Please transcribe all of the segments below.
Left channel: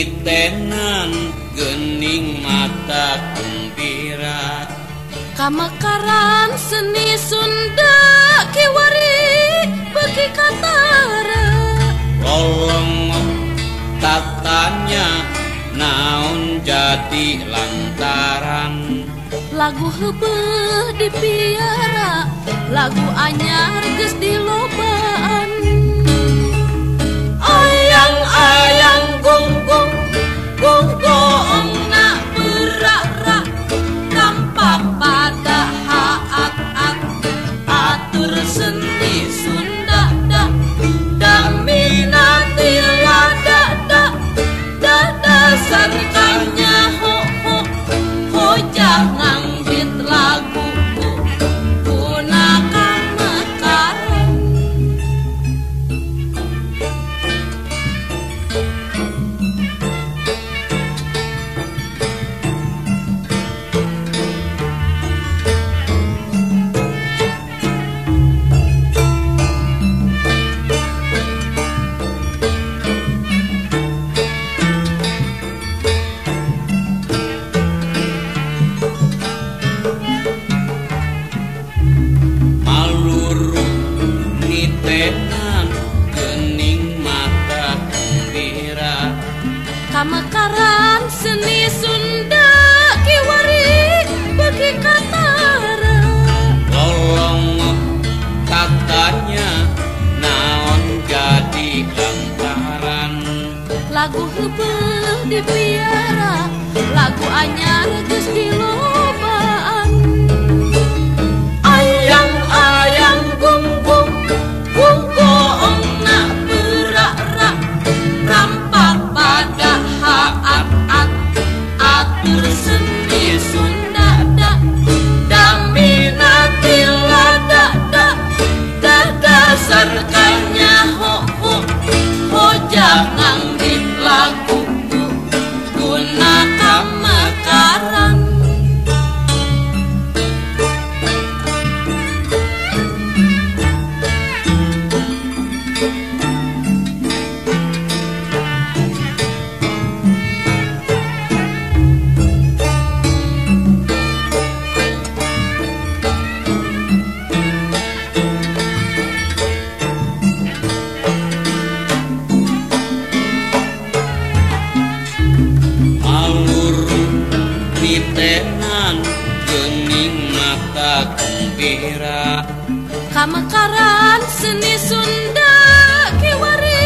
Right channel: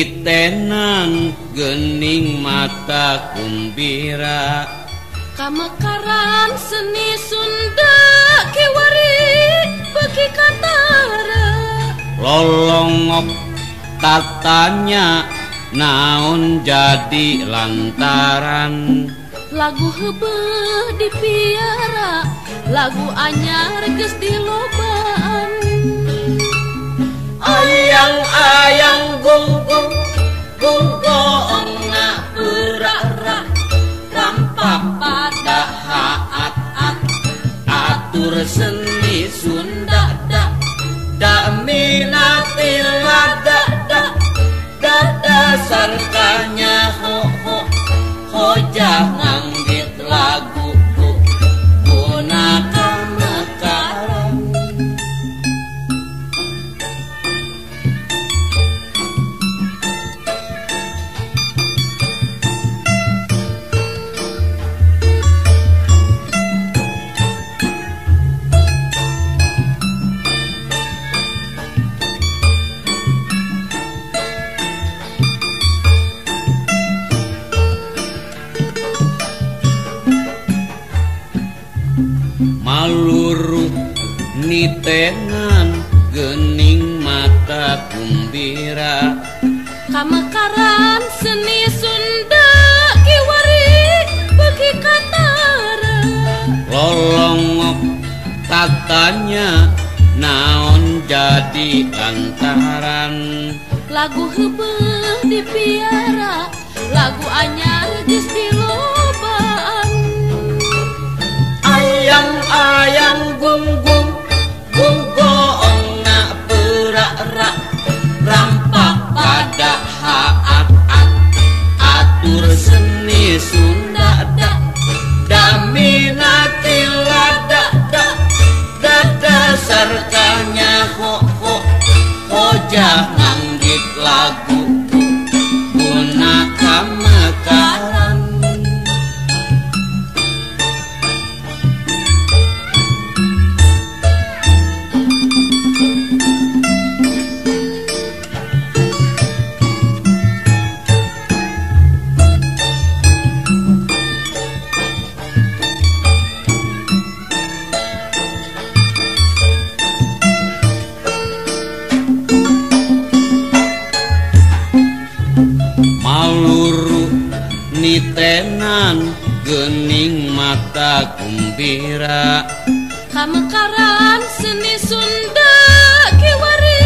nitenan geuning mata kumbira kamakaran seni Sunda kiwari bagi katara lolongok tatanya naon jadi lantaran lagu heubeul dipiara lagu anyar geus dilobaan ayang-ayang gunggung gunggung na berak-rak rampak pada haat-at atur seni Sunda da minati lada dasar kanya ho jangan git lagu gunakan mekaran maluruh nitenan geuning mata kumbira kamakaran seni Sunda kiwari bagi katara lolongok katanya naon jadi lantaran lagu heubeul dipiara lagu anyar geus dilobaan ayang-ayang gunggung gunggung na berak-rak rampak pada haat-at atur seni Sunda da minati lada dasar kanya ho jangan git lagu gunakan mekaran maluruh nitenan geuning mata kumbira kamakaran seni Sunda kiwari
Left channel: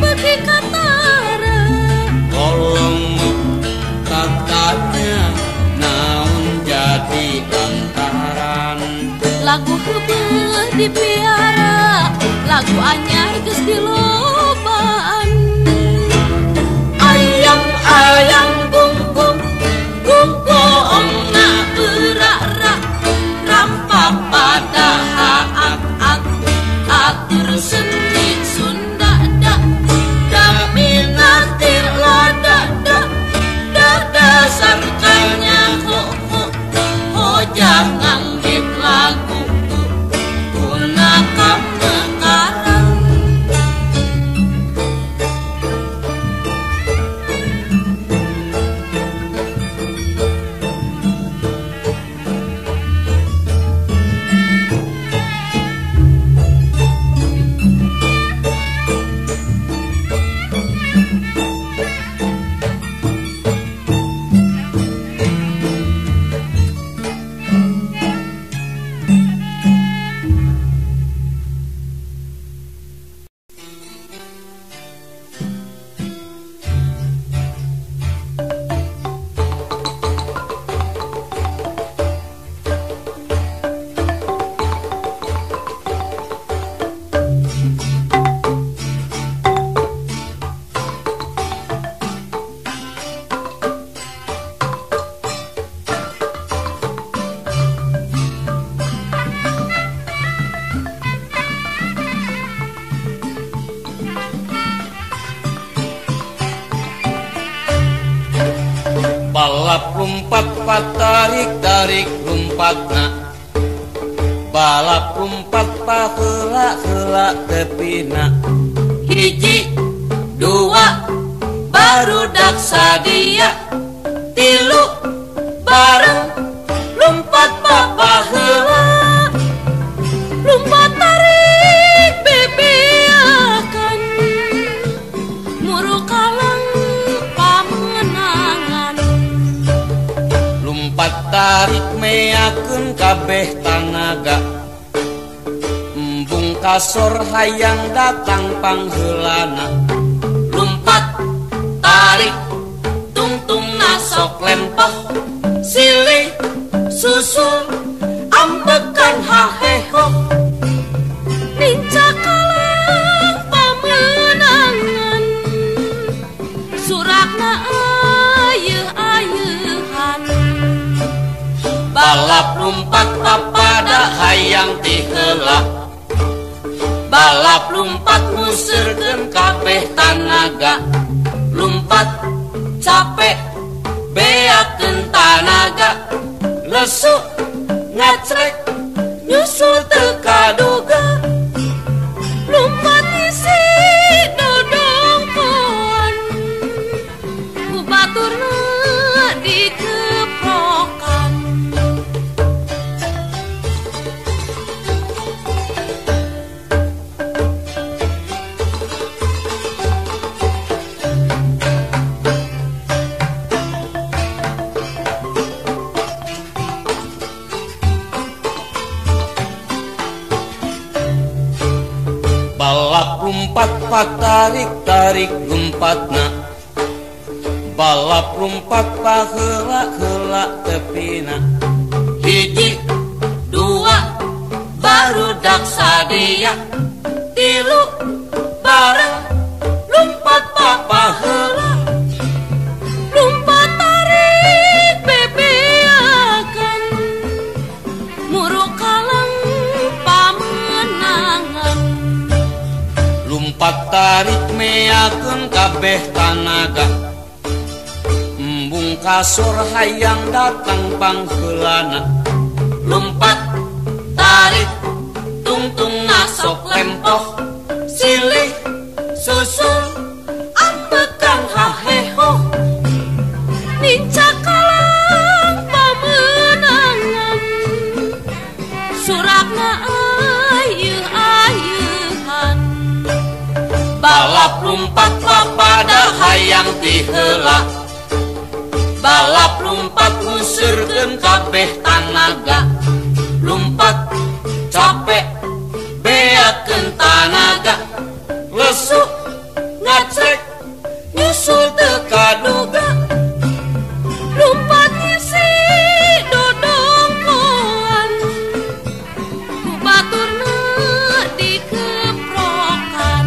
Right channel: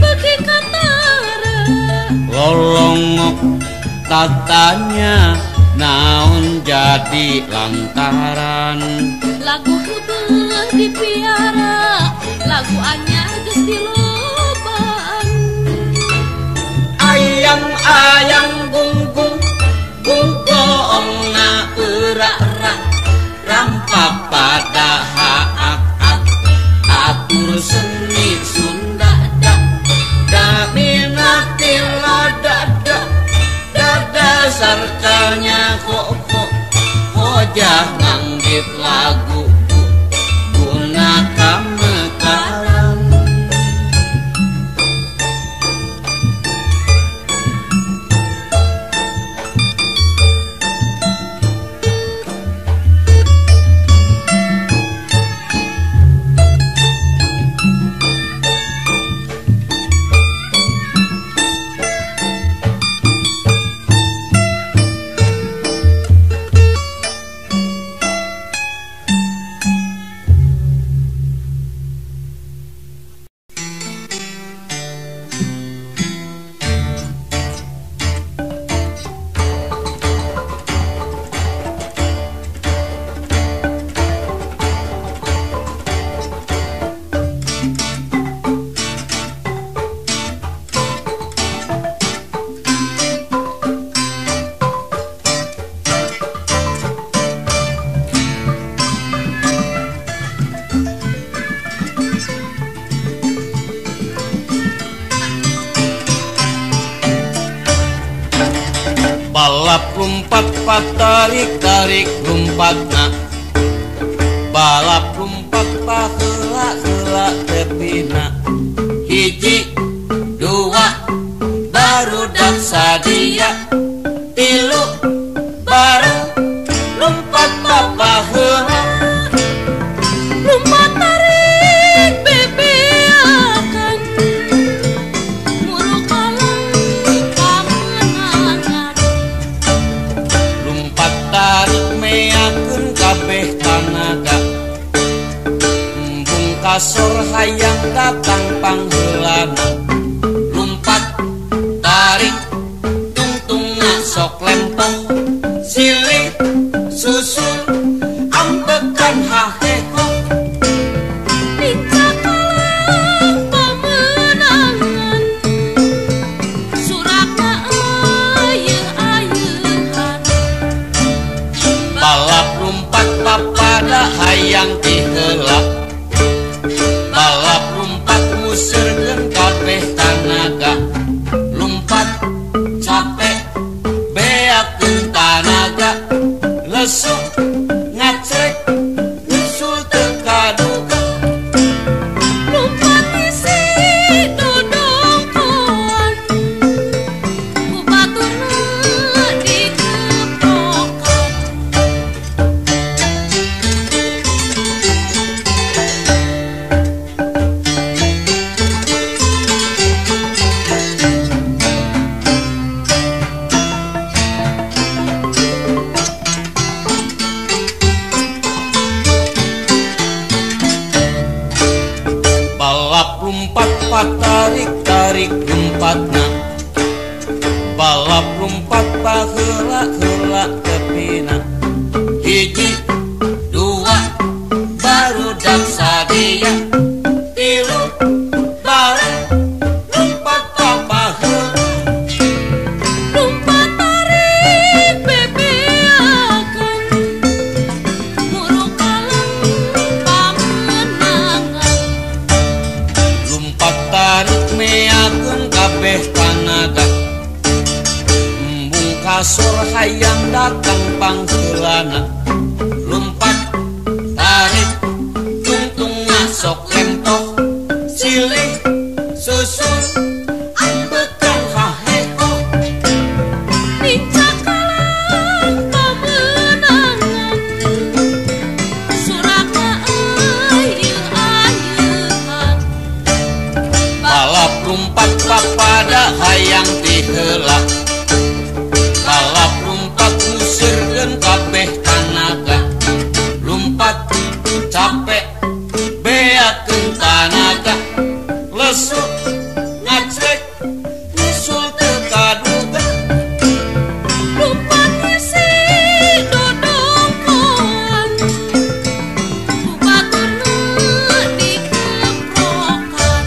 bagi katara lolongok tatanya naon jadi lantaran lagu heubeul dipiara lagu anyar geus dilobaan ayang-ayang gunggung gunggung na berak-rak rampak pada haat-at atur seni Sunda da minati lada dasar kanya ho jangan git lagu gunakan mekaran balap rumpat patarik-tarik rumpatna balap rumpat paheula-heula tepina hiji dua barudak sadia tilu bareng lumpat papa heula lumpat tarik bebeakan muru kalang pamenangan lumpat tarik meakeun kabeh tanaga embung kasor hayang datang pangheulana lumpat tarik tungtungna sok lempeng silih susul ambekan haheho ninca kalang pamenangan surakna ayeuh-ayeuhan balap lumpat papada hayang tiheula balap lumpat muserkeun kabeh tanaga lumpat capek beakeun tanaga lesu ngacrek nyusul teu kaduga lumpat isi dodongkoan ku baturna dikeprokan balap lumpat patarik-tarik lumpatna balap lumpat paheula-heula tepina hiji dua barudak sadia tilu bareng lumpat papa heula lumpat tarik bebeakan muru kalang pamenangan lumpat tarik meakeun kabeh tanaga embung kasor hayang datang pangheulana lumpat tarik tungtungna sok lempoh silih susul ambekan haheho ninca kalang pamenangan surakna ayeuh-ayeuhan balap lumpat papada hayang tiheula balap lumpat muserkeun kabeh tanaga lumpat capek beakeun tanaga lesu ngacrek nyusul teu kaduga lumpat isi dodongkoan ku baturna dikeprokan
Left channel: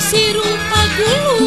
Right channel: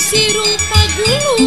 sirung pagulung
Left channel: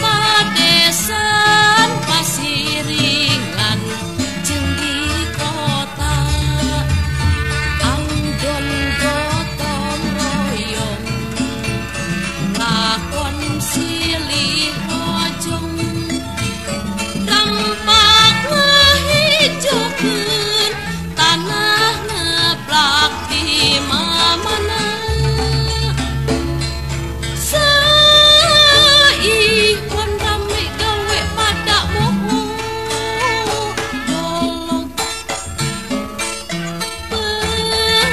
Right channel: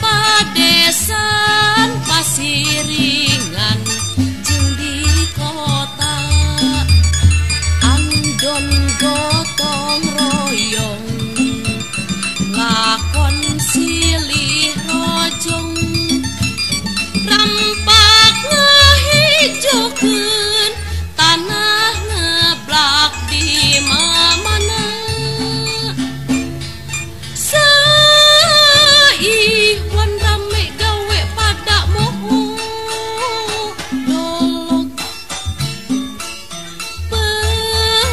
padesan pasiringan jeung di kota andon gotong royong lakon silih rojong rampak ngahijokeun tanah neblak di mamana saihwan rame gawe pada moho dolog pelakan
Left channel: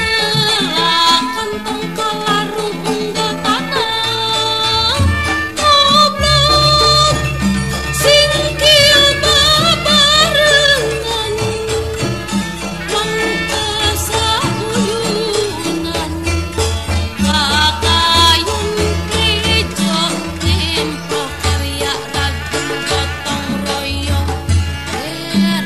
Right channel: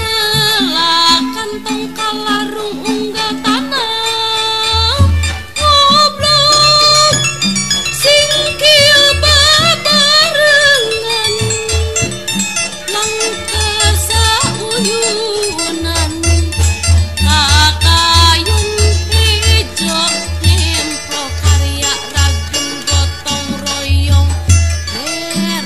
tong kalarung unggal tanah ngoblok singkil babarengan mangkasa uyunan kakayun tejo nyempro karya ragem gotong royong rereongan.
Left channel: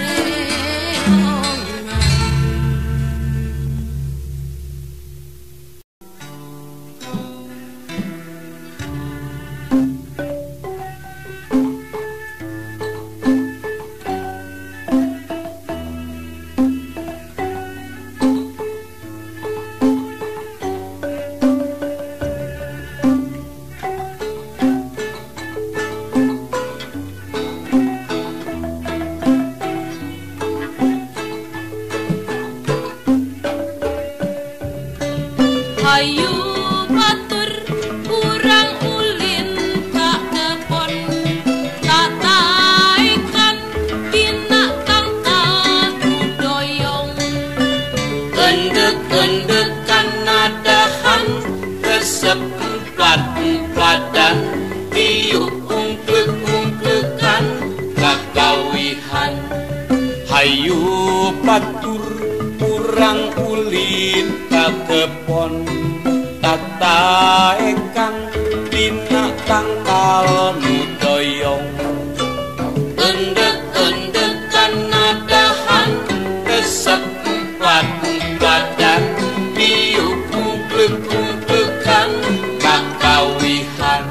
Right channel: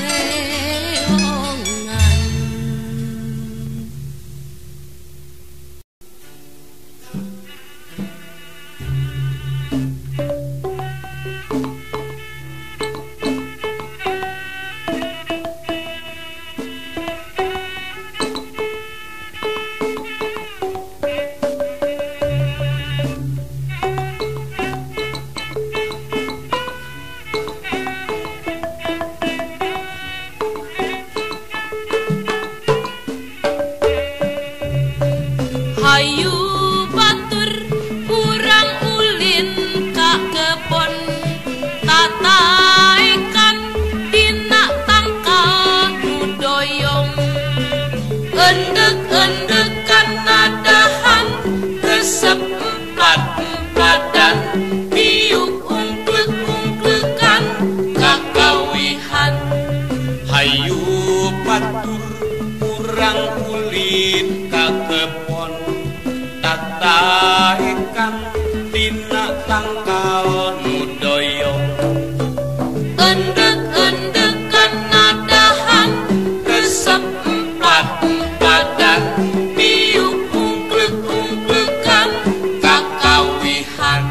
Hayu batur kurang ulin ka kebon tataekan dina tangkal doyong Endek-endekan nadahan resep empat-empatan tiup umplek-umplekan kakawihan Hayu batur kurang ulin ka kebon tataekan dina tangkal nu doyong Endek-endekan nadahan resep empat-empatan tiup umplek-umplekan kakawihan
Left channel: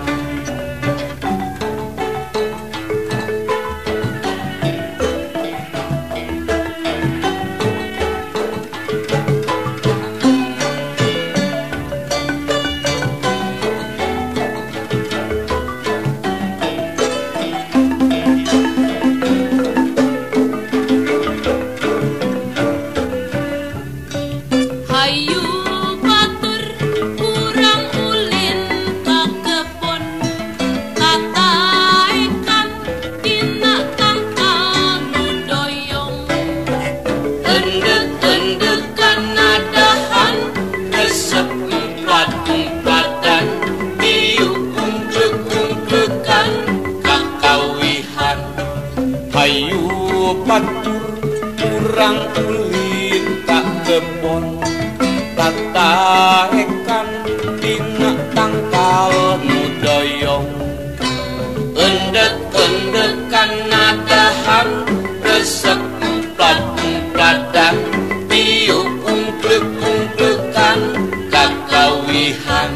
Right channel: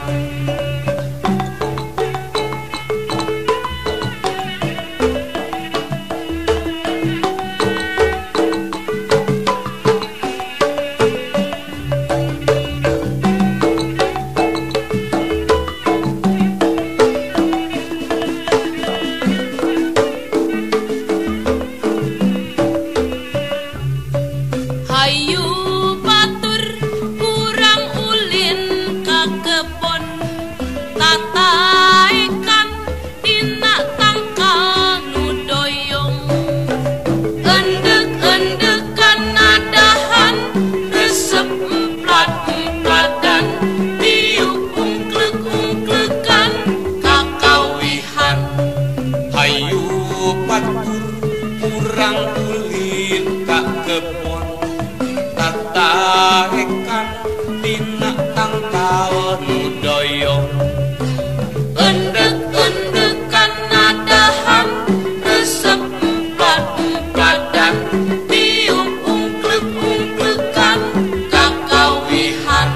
Hayu batur kurang ulin ka kebon tataekan dina tangkal nu doyong Endek-endekan nadahan resep empat-empatan tiup umplek-umplekan kakawihan Hayu batur kurang ulin ka kebon tataekan dina tangkal nu doyong Endek-endekan nadahan resep empat-empatan tiup umplek-umplekan kakawihan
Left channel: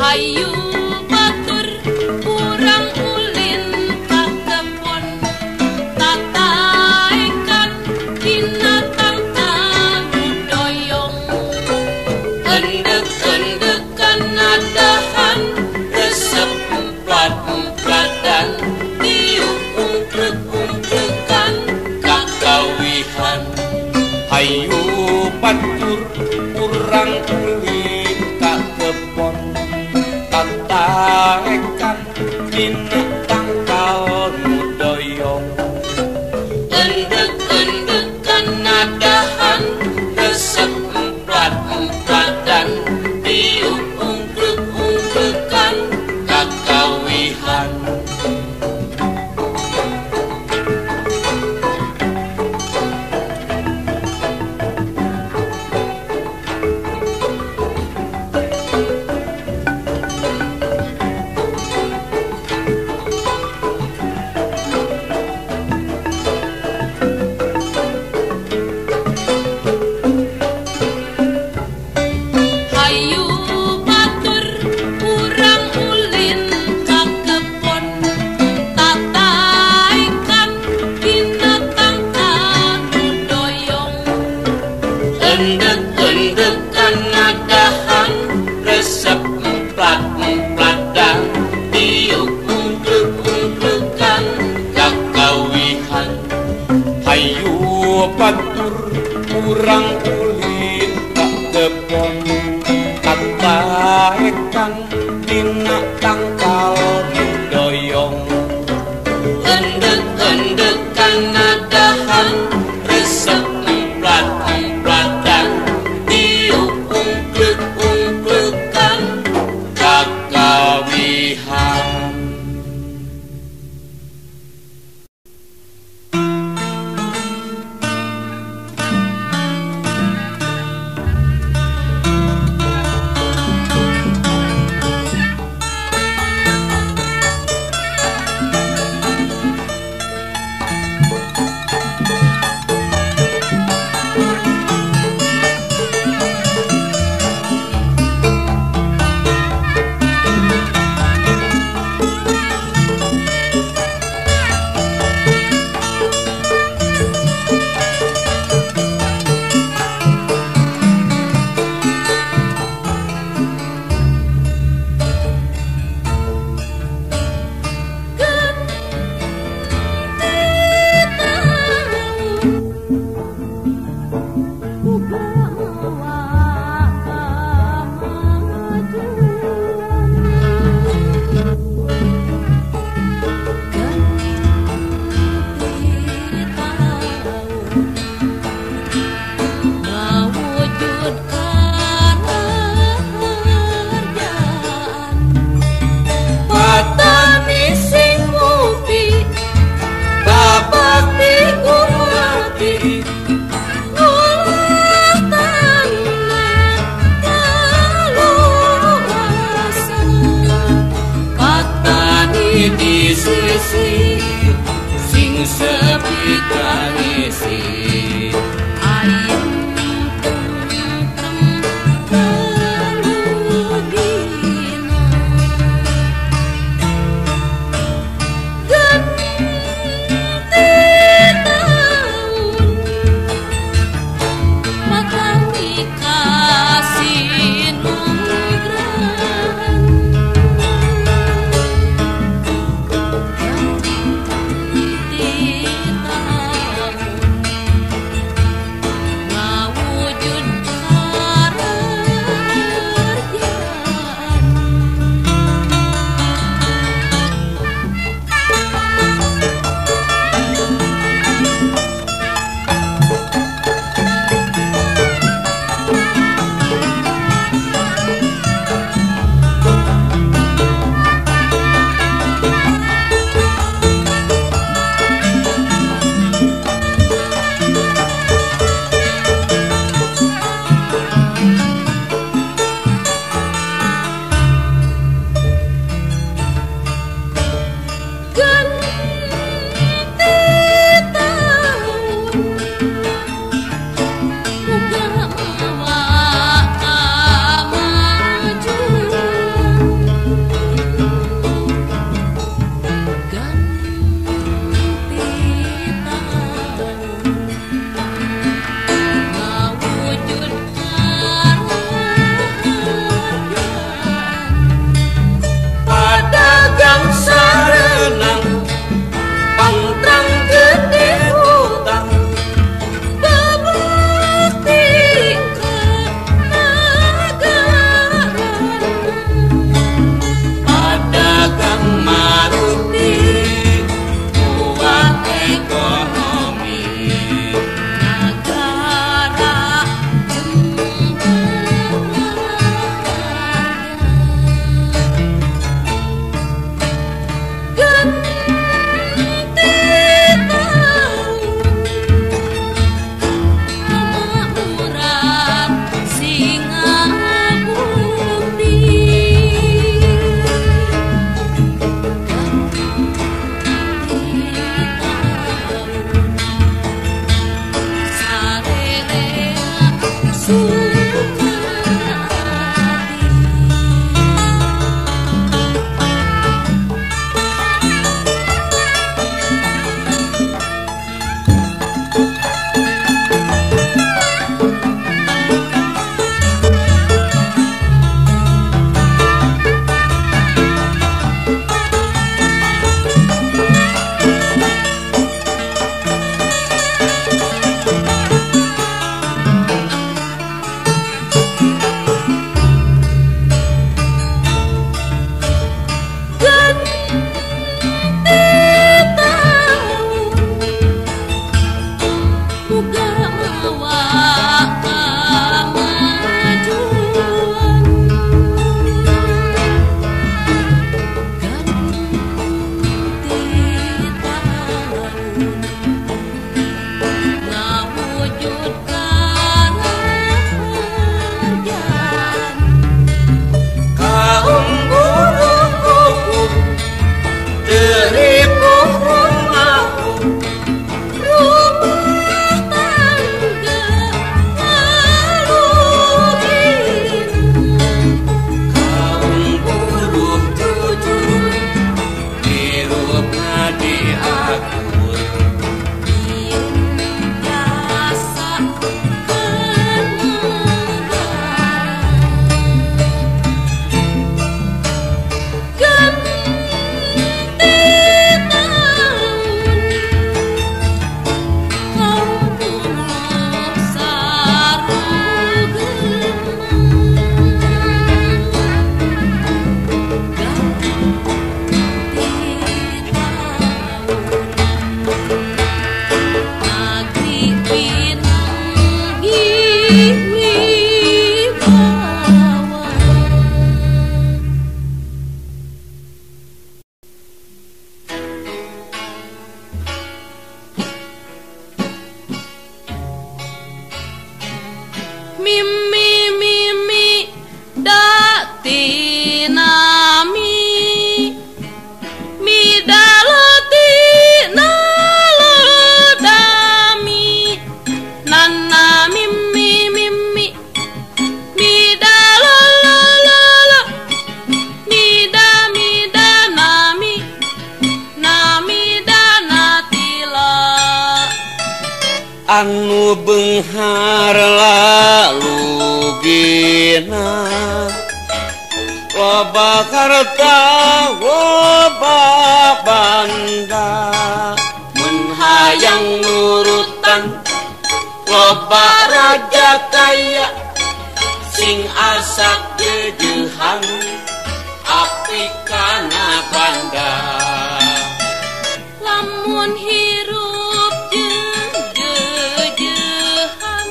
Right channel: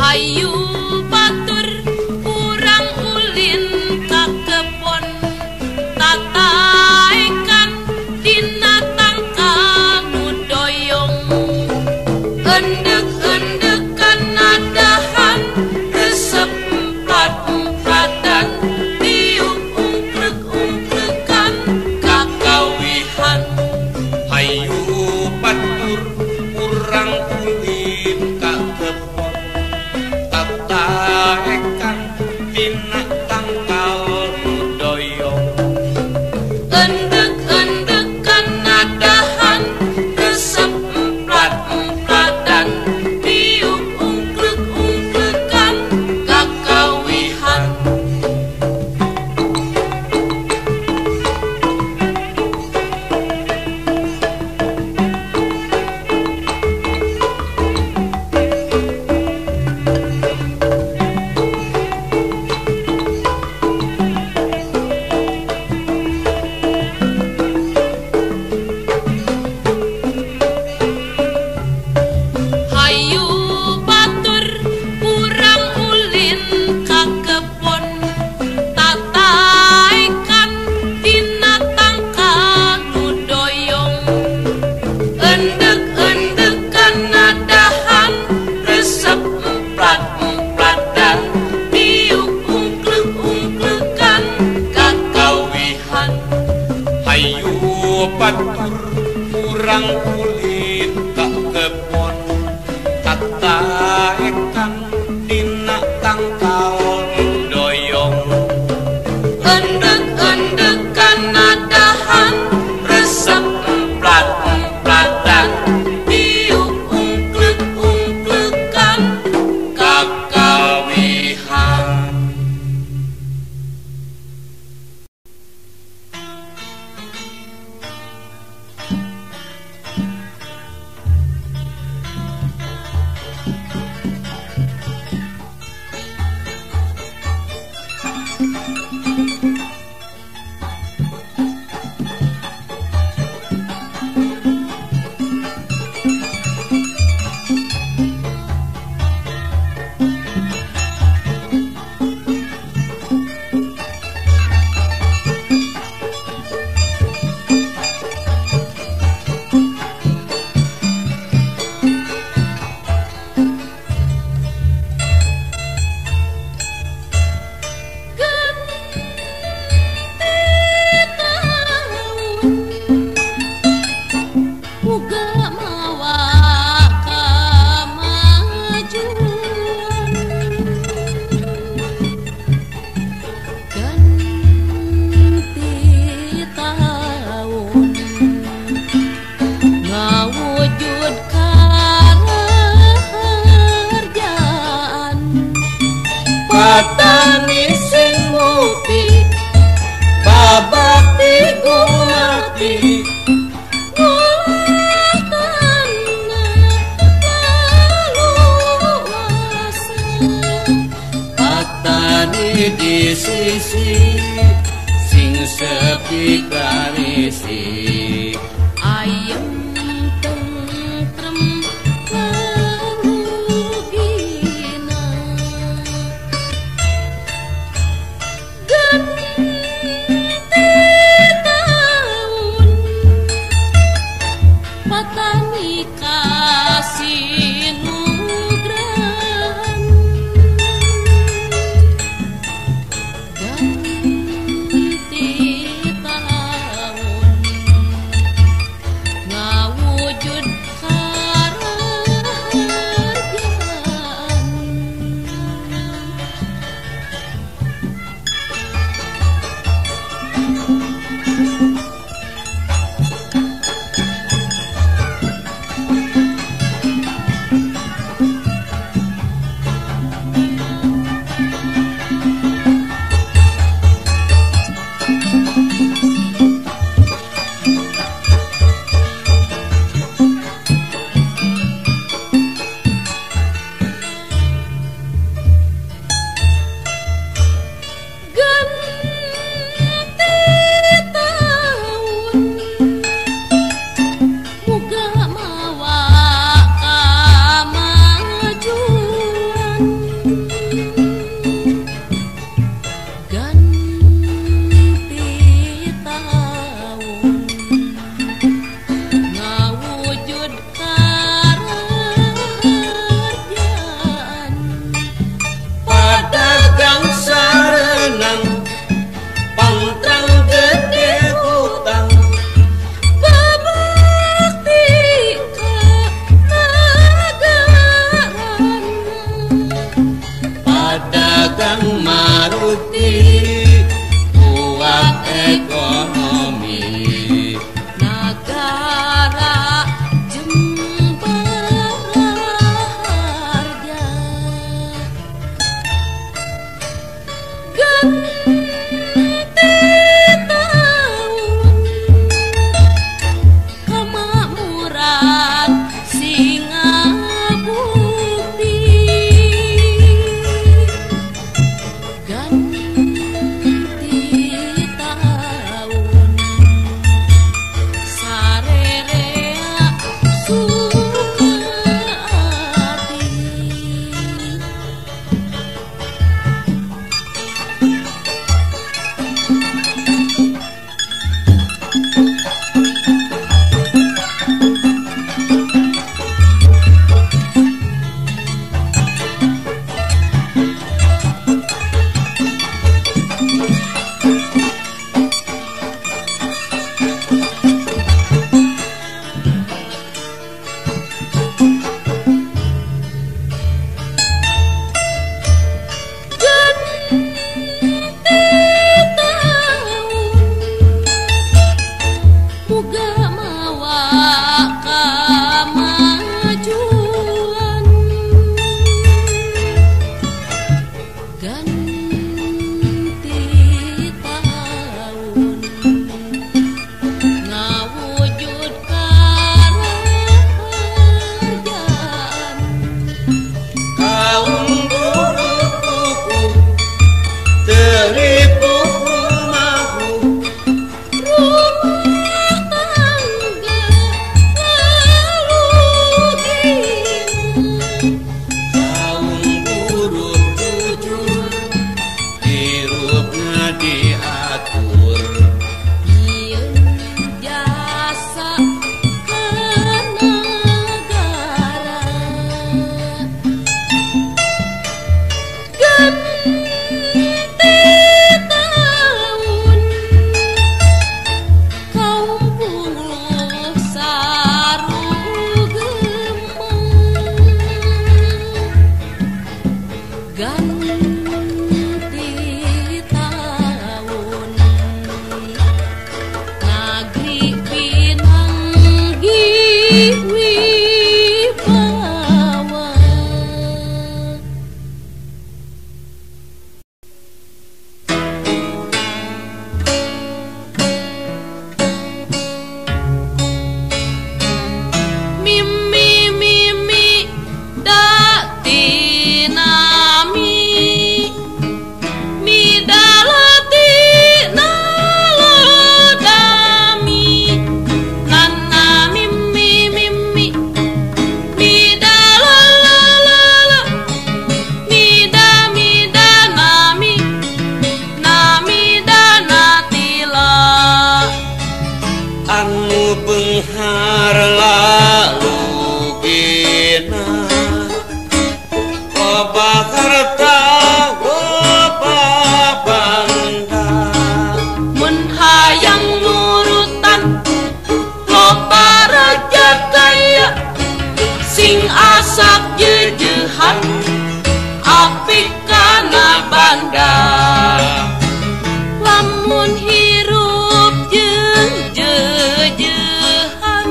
Hayu batur kurang ulin ka kebon tataekan dina tangkal nu doyong Endek-endekan nadahan resep empat-empatan tiup umplek-umplekan kakawihan Hayu batur kurang ulin ka kebon tataekan dina tangkal nu doyong Endek-endekan nadahan resep empat-empatan tiup umplek-umplekan kakawihan murang kulit tak kebon kata ikan dina tangkal doyong endek-endekan nadahan resep emplat-emplatan diungklek-ungklekan kakawihan. lalu gina loba harta loba bangga mun hayang nurutan loba raja kaya sing asap jejehan api kana banda lamun hirup jeung jejehan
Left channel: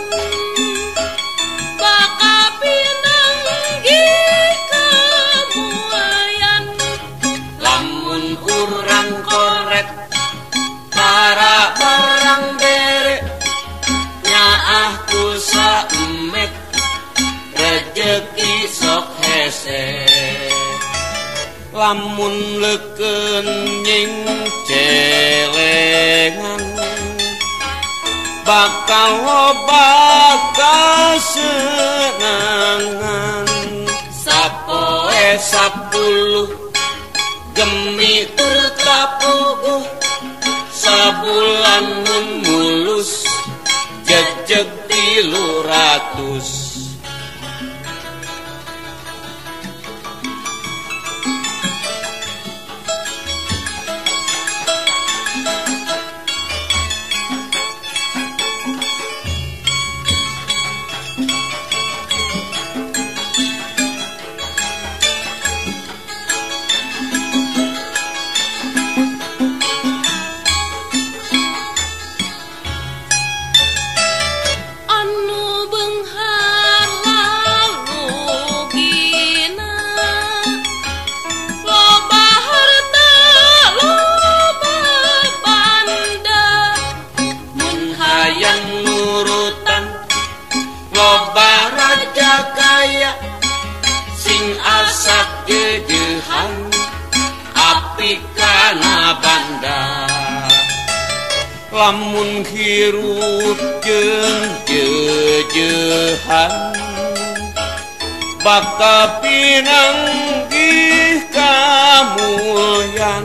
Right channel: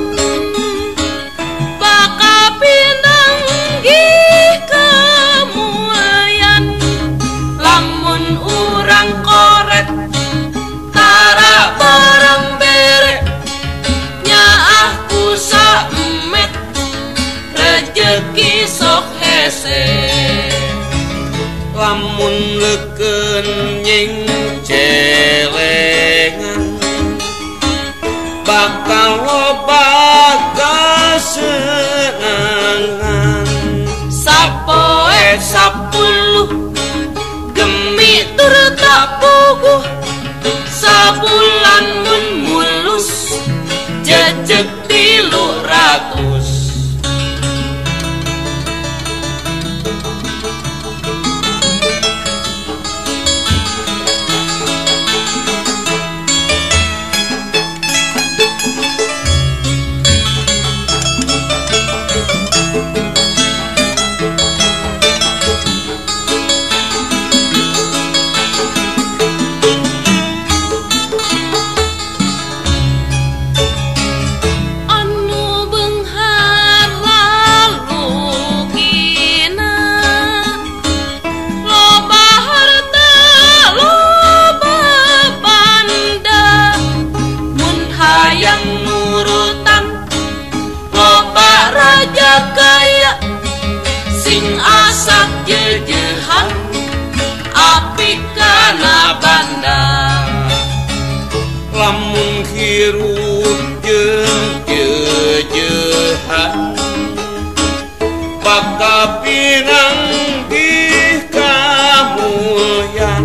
bakal pinang gih kamulian lamun urang koret tara barang bere nyaah ku saemet rejeki sok hese lamun leukeun nying celengan bakal loba kasenangan sapoe 10 gemi tur kapuguh sabulan mun mulus jejeg 300 lamun hirup jeung jejehan bakal pinang gih kamulyan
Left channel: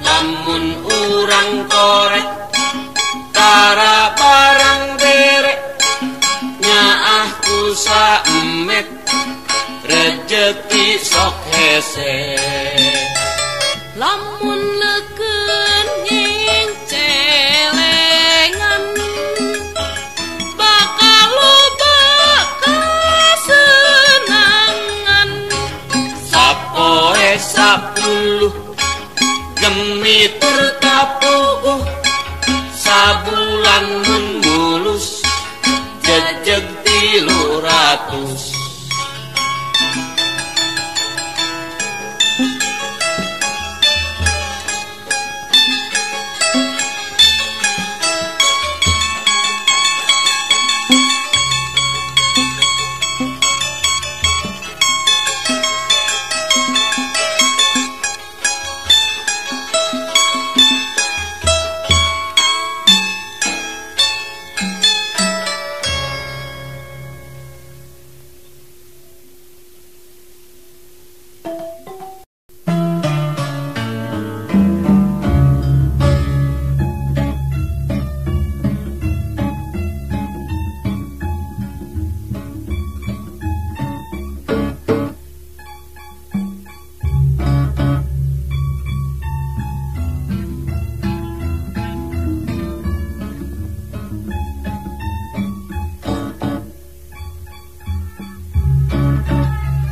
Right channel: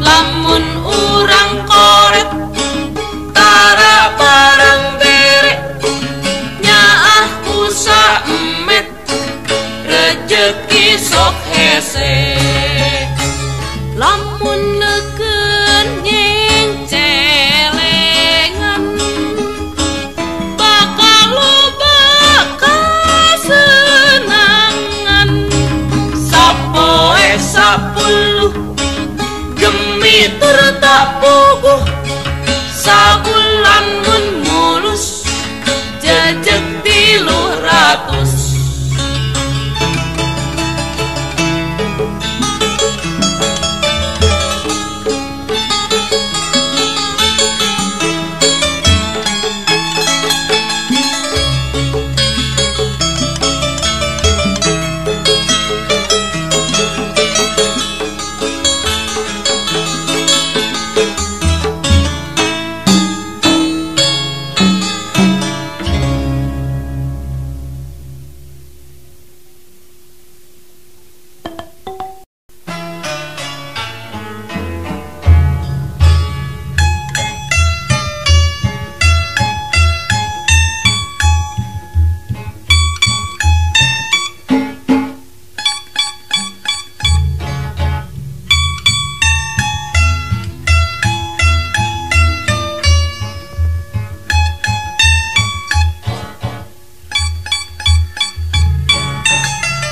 lamun urang koret tara barang bere nyaah ku saemet rejeki sok hese lamun leukeun nying celengan bakal loba kasenangan sapoe 10 gemi tur kapuguh sabulan mun mulus jejeg 300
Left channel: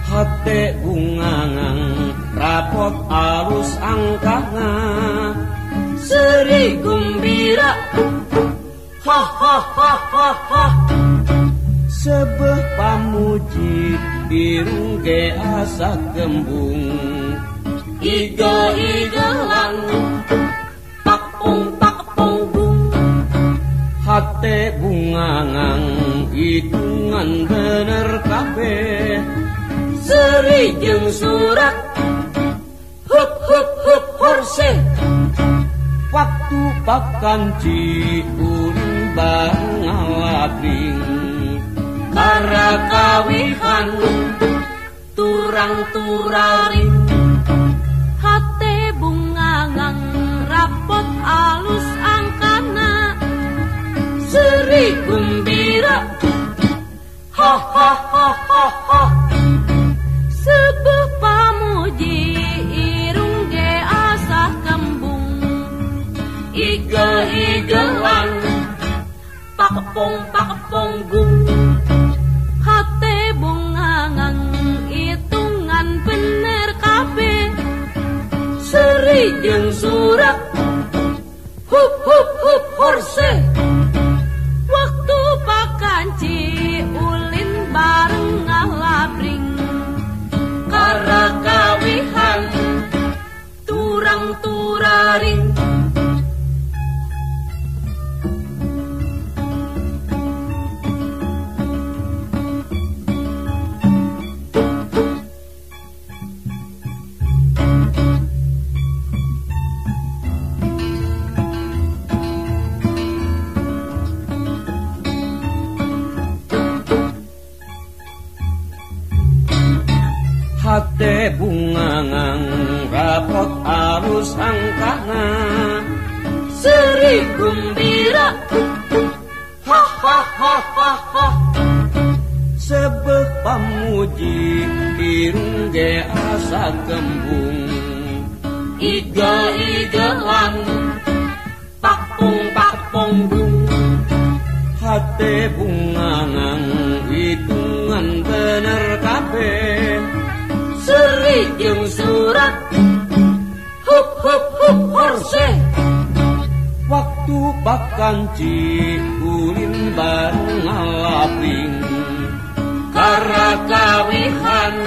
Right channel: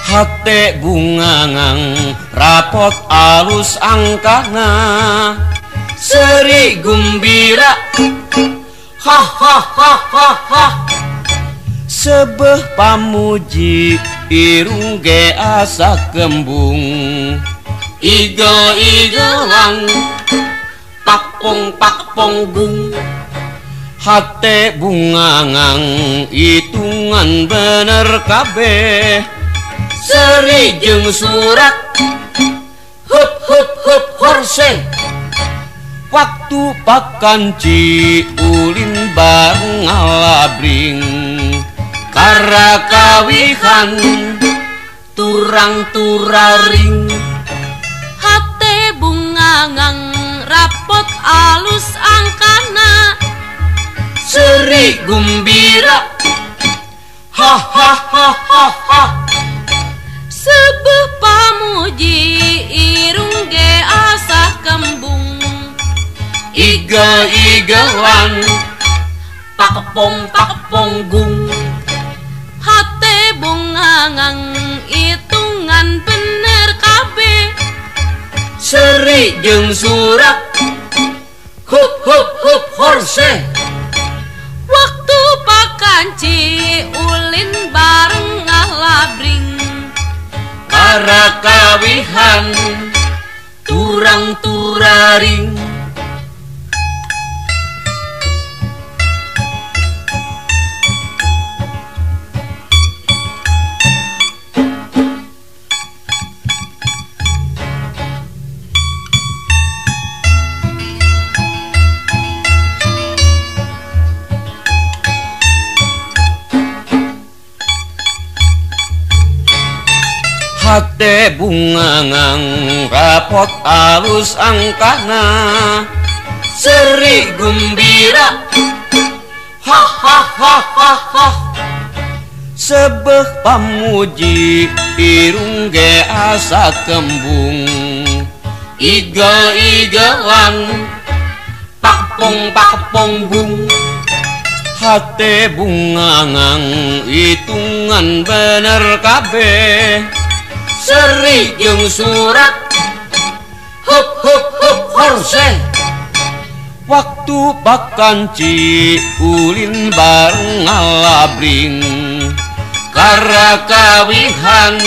hate bungangang rapot alus angkana seri gumbira ha ha ha ha ha sebeh pamuji irung ge asa kembung igel-igelan pakpong bung hate bungangang hitungan bener kabeh seri jeung surat hup hup hup horse waktu pakanci ulin bareng ngalabring kara kawihan turang turaring hate bungangang rapot alus angkana seri gumbira ha Sebuh pamuji irung ge asah kembung Igel-igelan pakepong gung hate bungangang itungan bener kabeh Seri jeung surak hup horse waktu pakanci ulin bareng ngalabring Karakawihan turang turaring hate bungangang rapot alus angkana seri gembira ha sebeh pamuji irung ge asa kembung igel-igelan pakepong gung hate bungangang itungan bener kabeh Seri jeung surat hup horse waktu pakanci ulin bareng ngalabring karakawihan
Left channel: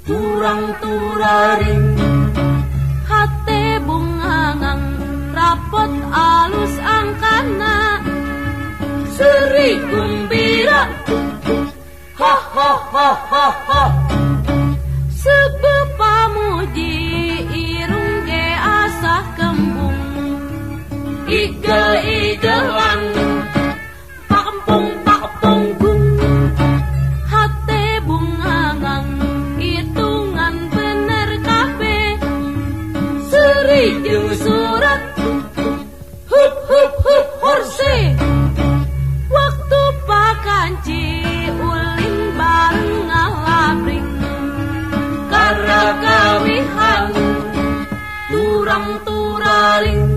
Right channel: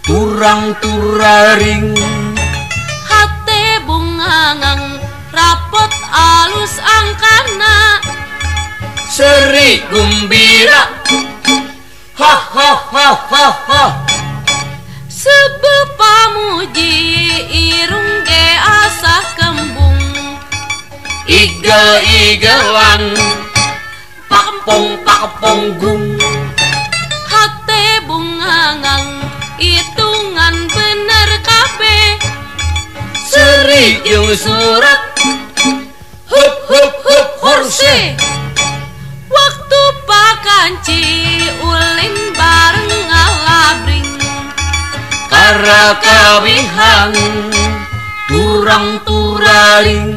turang turaring hate bungangang rapot alus angkana seri gembira ha Sebuh pamuji irung ge asah kembung igel-igelan pakepong gung hate bungangang itungan bener kabeh seri jeung surat hup horse waktu pakanci ulin bareng ngalabring Karakawihan turang turaring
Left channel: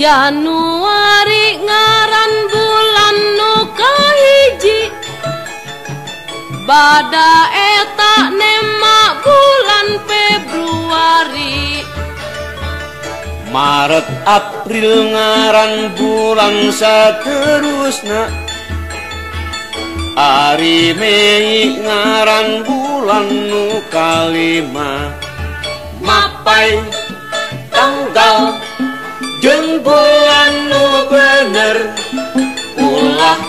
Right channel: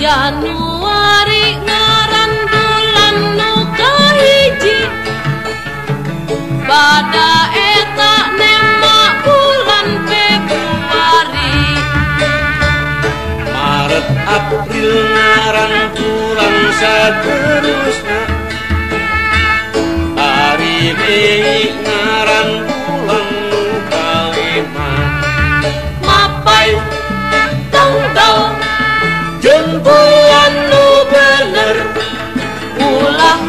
Januari ngaran bulan nu kahiji Bada eta nema bulan Februari Maret April ngaran bulan saterusna Ari Mei ngaran bulan nu kalima Mapai tanggal jeung bulan nu bener ulah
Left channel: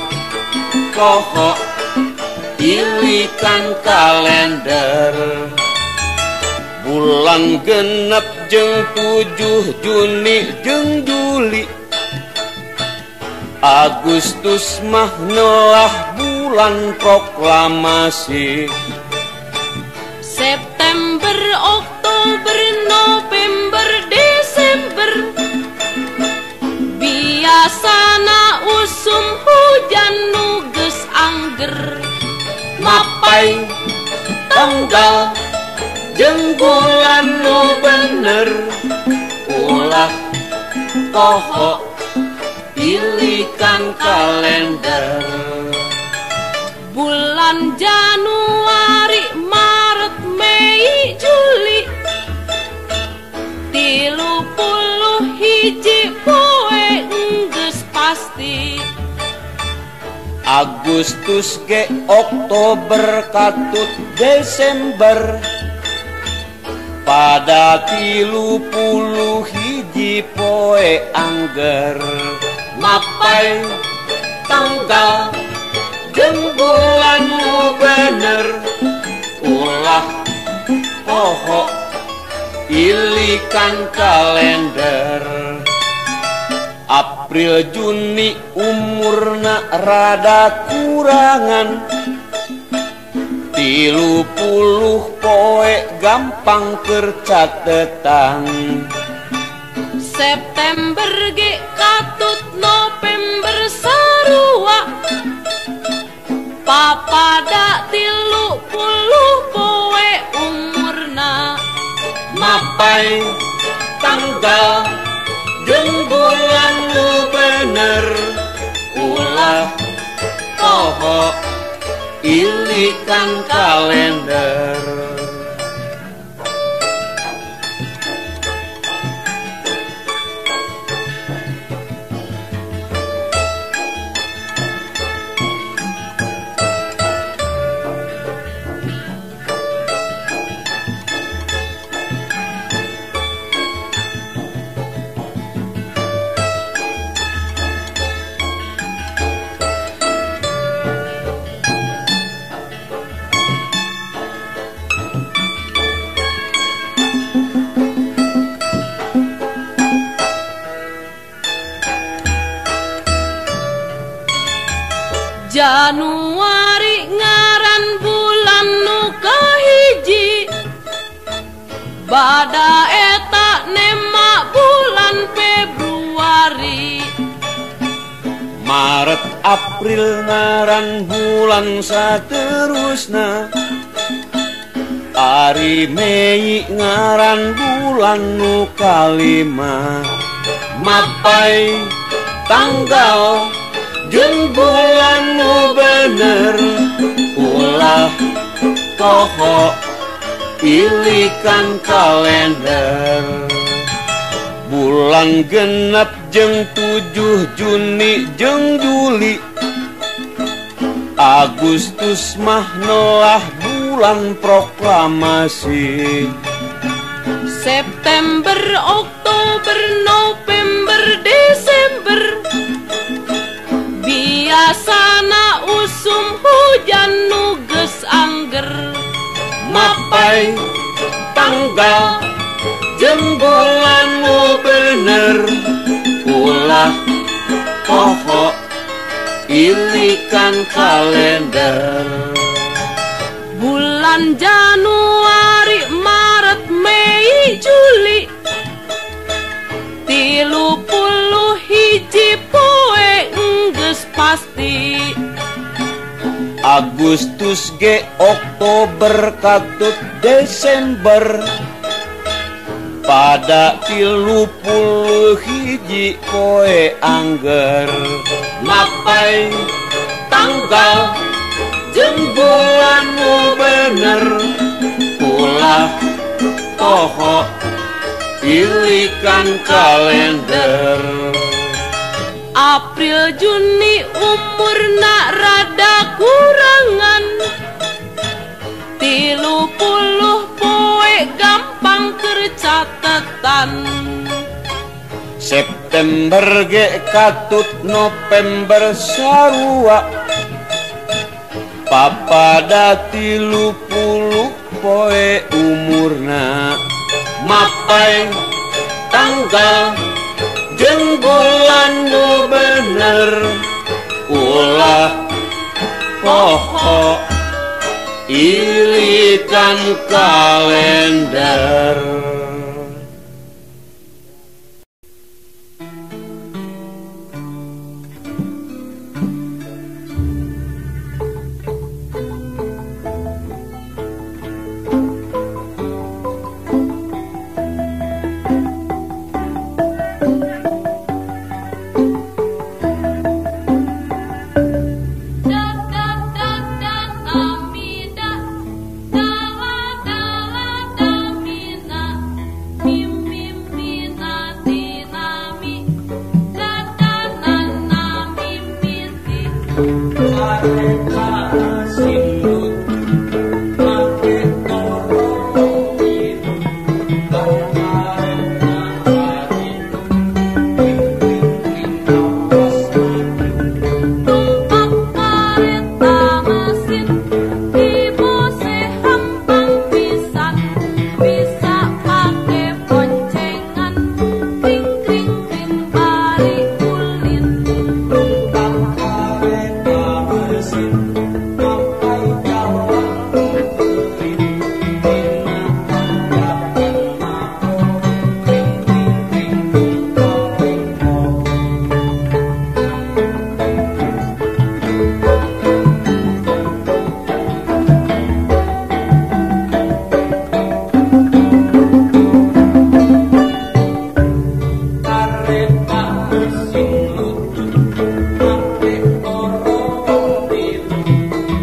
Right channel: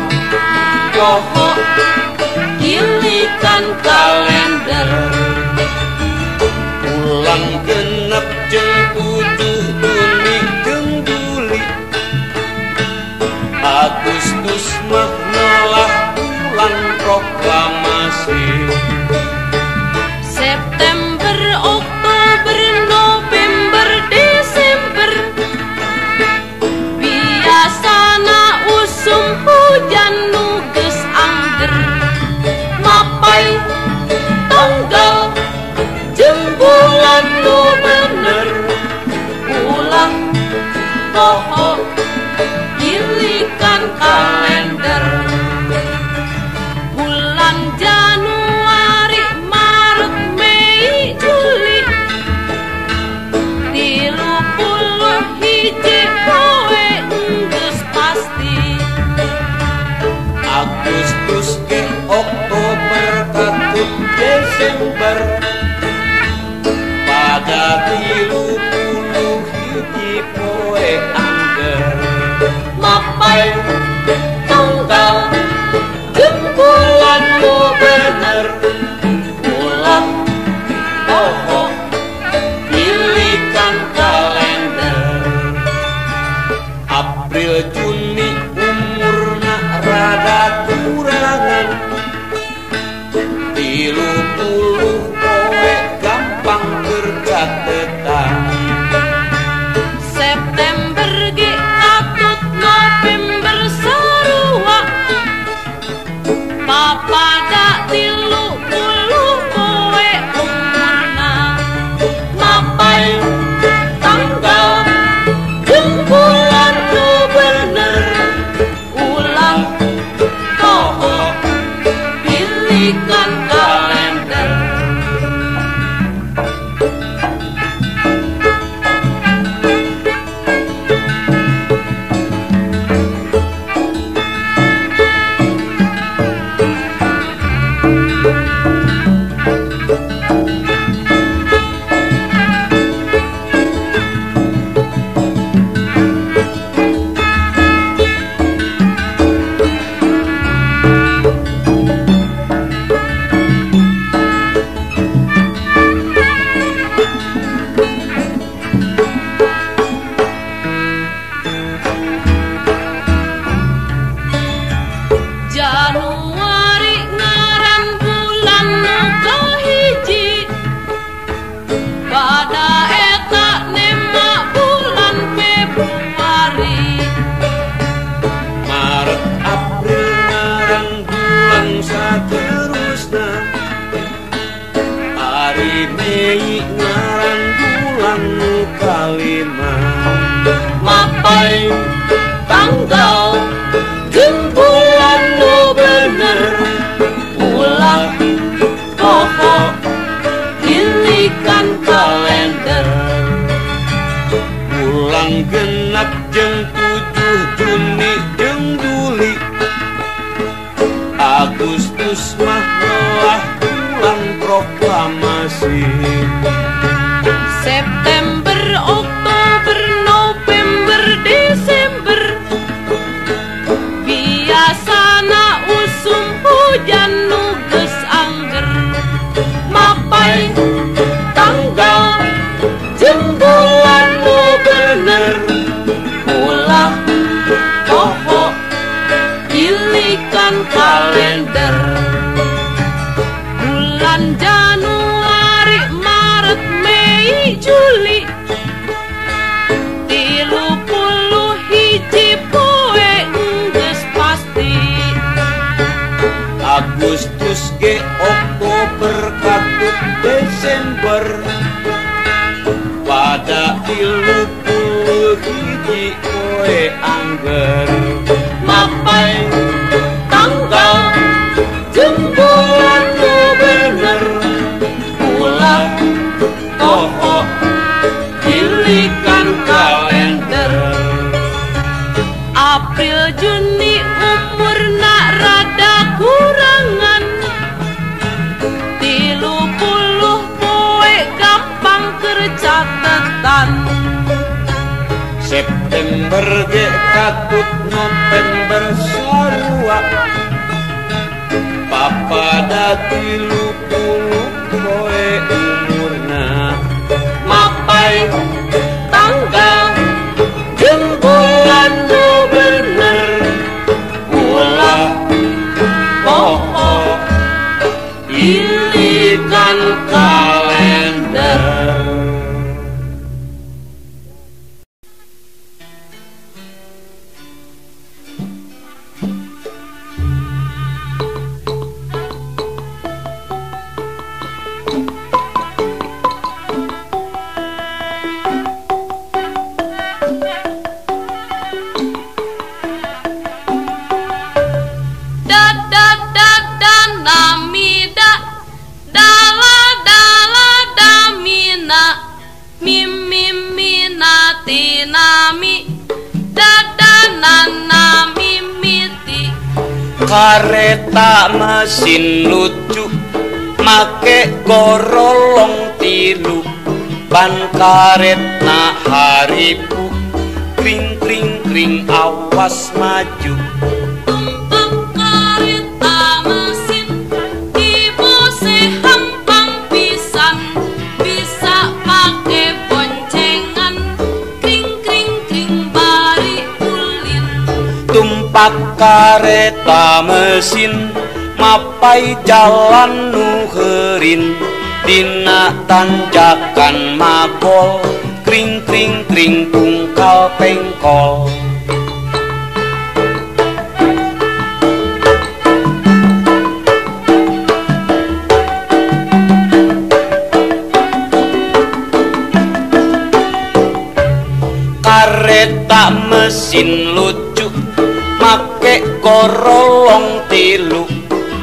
poho dilikan kalender bulan genep jeung 7 Juni jeung Juli Agustus mah ngolah bulan proklamasi September, Oktober, November, Desember biasana usum hujan nu mapai tanggal jeung bulan nu bener ulah poho pilihan kalender bulan Januari Maret Mei Juli 31 poe geus pasti Agustus ke Oktober katut Desember pada 31 poe angger mapai tanggal jeung bulan nu bener ulah poho pilihan kalender April Juni umurna rada kurangan 30 poe gampang kercatetan September ge katut November sarua papada 30 poe umurna mapai tanggal jeung bulan nu bener ulah poho pilihan kalender Januari ngaran bulan nu kahiji pada eta nema bulan Februari Maret April ngaran bulan saterusna Ari Mei ngaran bulan nu kalima mapai tanggal jeung bulan nu bener ulah poho pilihan kalender bulan genep jeung 7 Juni jeung Juli Agustus mah noah bulan proklamasi September Oktober November Desember biasana usum hujan nu geus angger mapai tanggal jeung bulan nu bener ulah poho pilihan kalender bulan Januari Maret Mei Juli 31 poe geus pasti Agustus ge Oktober katut Desember pada 31 poe angger mapai tanggal jeung bulan nu bener ulah poho pilihan kalender April Juni umurna rada kurangan 30 poe gampang kercatetan September ge katut November sarua papada 30 poe umurna mapai tanggal jeung bulan nu bener ulah poho pilihan kalender Kareta mesin lucu make gorolong tilu ban karetna haripu kring kring kring awas maju. Kareta mesin mapai jalan nuherin dina tanjakan makol kring kring kring tungkal pengkol. Kareta mesin lucu make gorolong tilu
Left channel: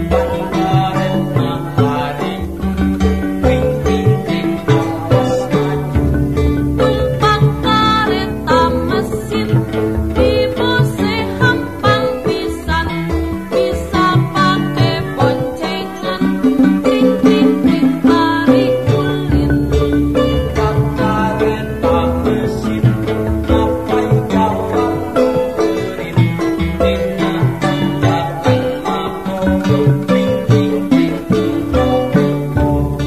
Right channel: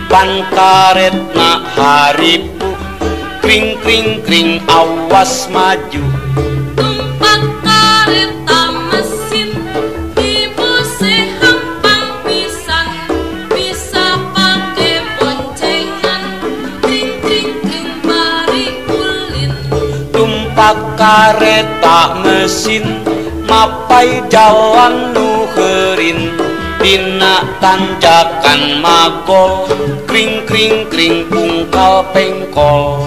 ban karetna haripu kring kring kring awas maju. Tumpak kareta mesin dibose hampang pisan bisa pake boncengan kring kring kring bari ulin. Tumpak kareta mesin mapai jalan nuherin dina tanjakan makol kring kring kring tungkal pengkol.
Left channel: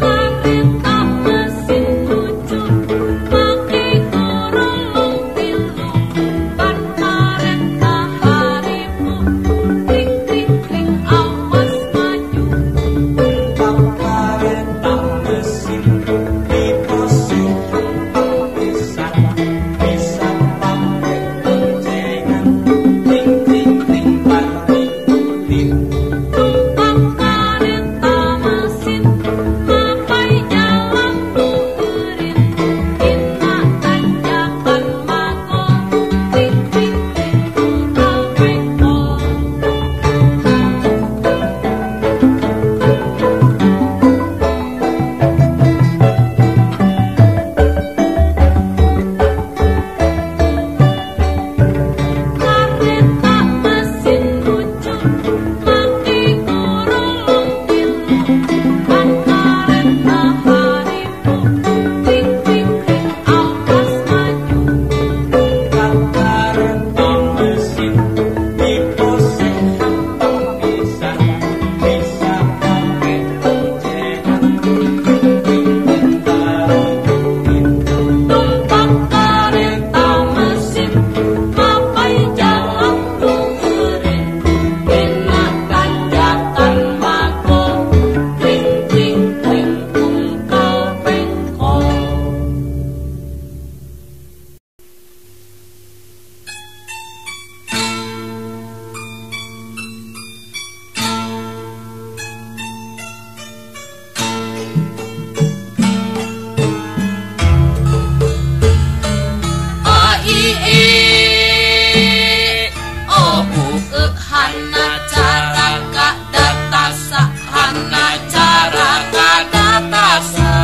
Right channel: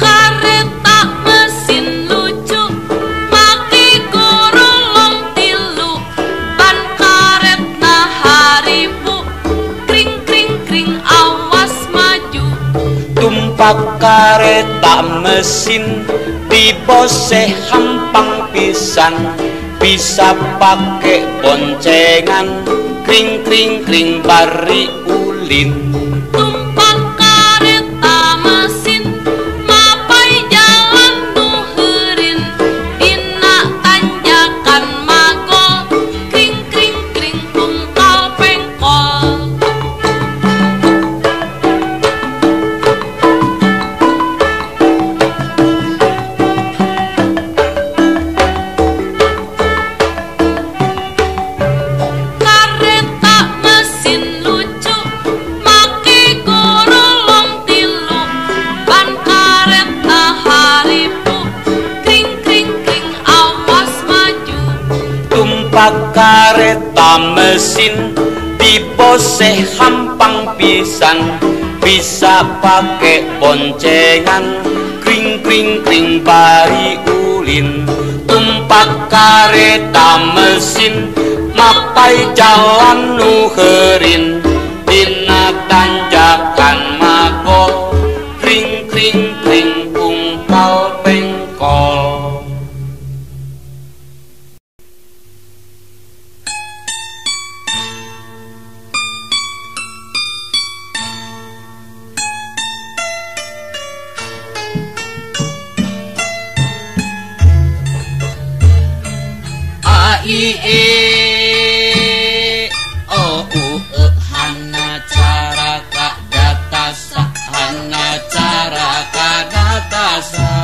Kareta mesin lucu make gorolong tilu ban karetna haripu kring kring kring awas maju. Tumpak kareta mesin dibose hampang pisan bisa pake boncengan kring kring kring bari ulin. Tumpak kareta mesin mapai jalan nuherin dina tanjakan makol kring kring kring tungkal pengkol. Kareta mesin lucu make gorolong tilu ban karetna haripu kring kring kring awas maju. Tumpak kareta mesin dibose hampang pisan bisa pake boncengan kring kring kring bari ulin. Tumpak kareta mesin mapai jalan nuherin dina tanjakan makol kring kring kring tungkal pengkol. Ai o u e hana cara ka datasa hana cara ka datasa.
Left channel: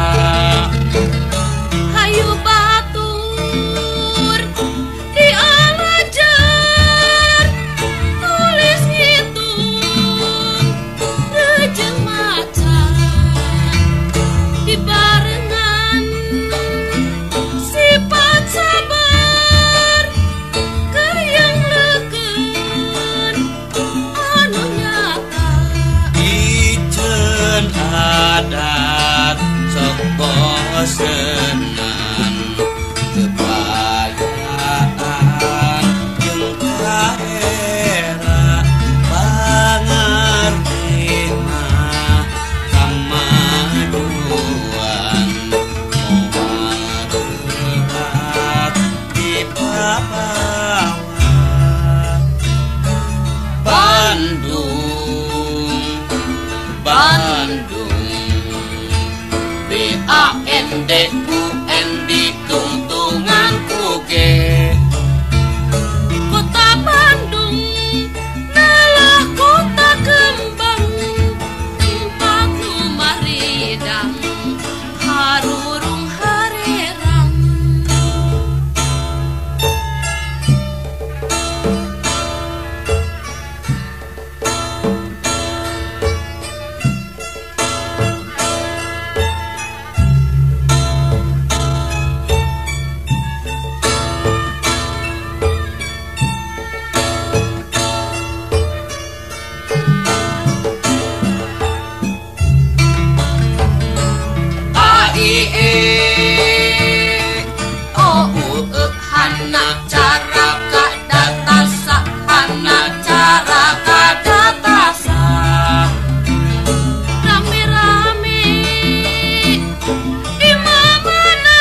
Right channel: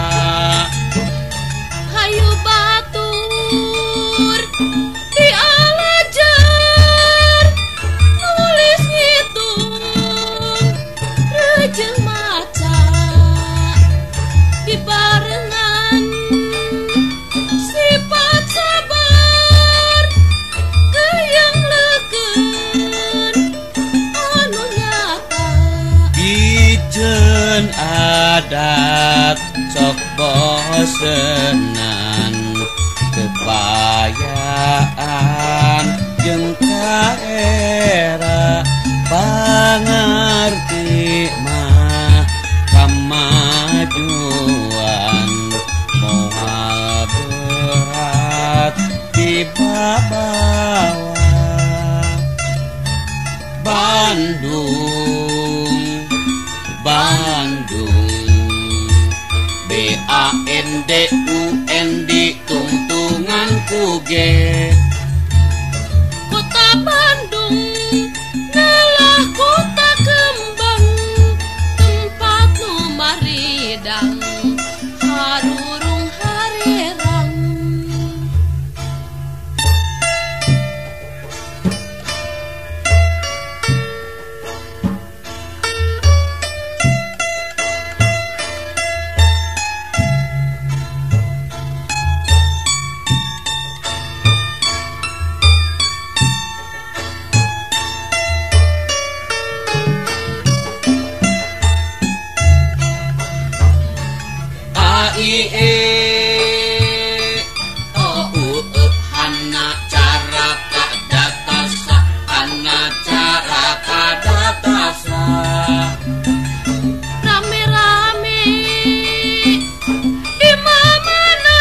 Hayu batur di alajar nulis ngitung rejeng macan di barengan sifat sabar yang leken anu nyata. Ijen adat sok bosenan kepayaan jeung kaera pangarti mah kamajuan moal berat di bawah. Bandung Bandung BANDUN di tungtungan uge. Kota Bandung adalah kota kembang hana cara kadatasa hana cara kadatasa rame-rame di mana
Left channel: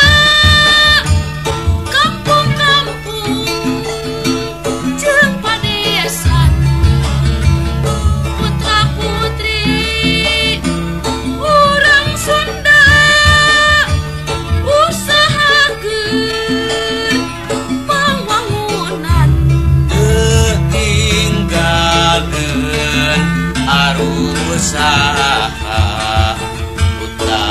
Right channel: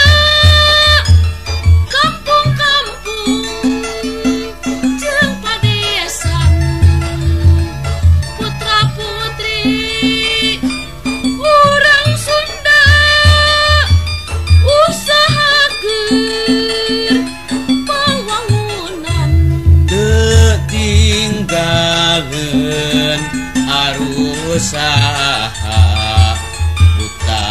kampung-kampung jeung padesan putra-putri urang Sunda usahakeun pawangunan tinggalkeun arusaha buta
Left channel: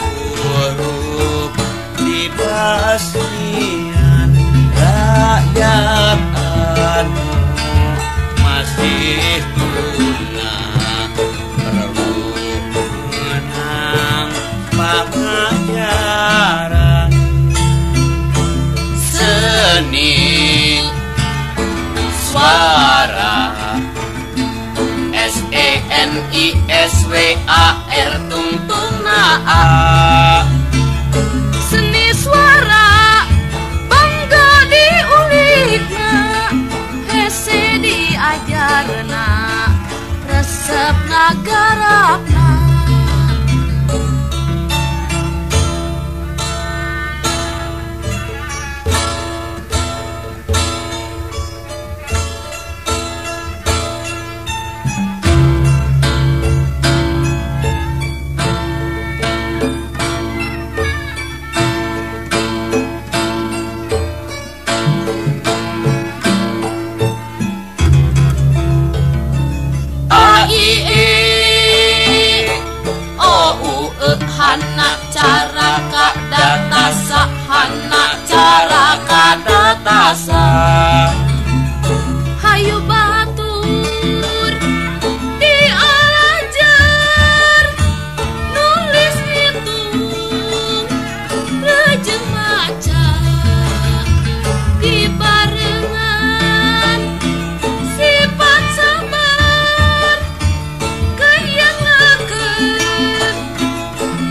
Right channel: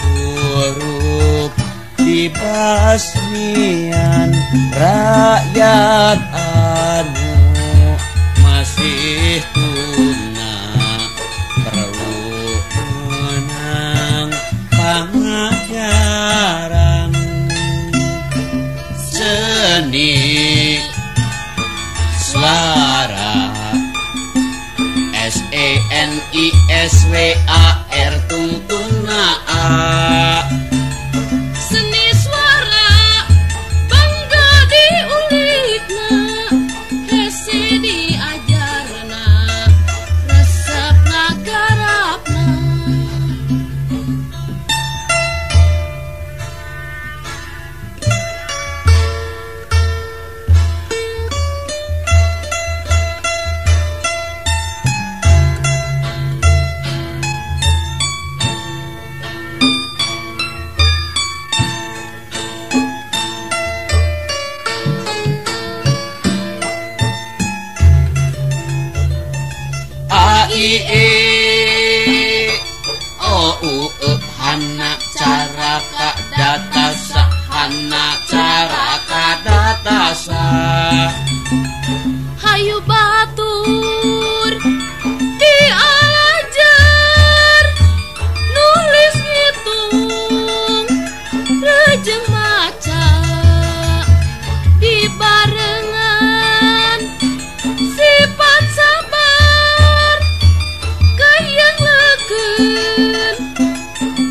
huruf dibasmian rakyat anu masih tuna perlu menang pangajaran seni suara SENISWAR tungtungna A seni suara bangga diulikna hese diajarna resepna garapna hana cara kadatasa hana cara kadatasa hayu batur diajar nulis ngitung rejeng maca dibarengan sifat sabar kayang lekeun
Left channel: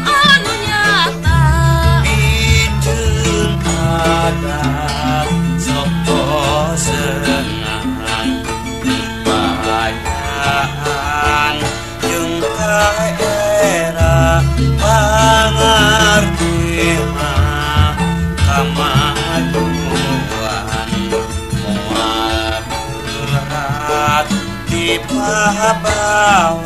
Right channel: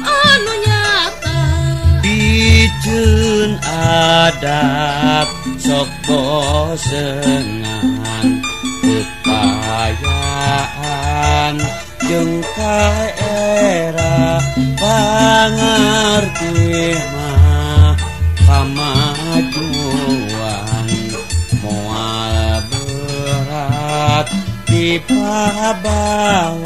anu nyata Dijun adab soko senang kepayaan jeung kaera pangarti mah kamajuan moal berat dipabawa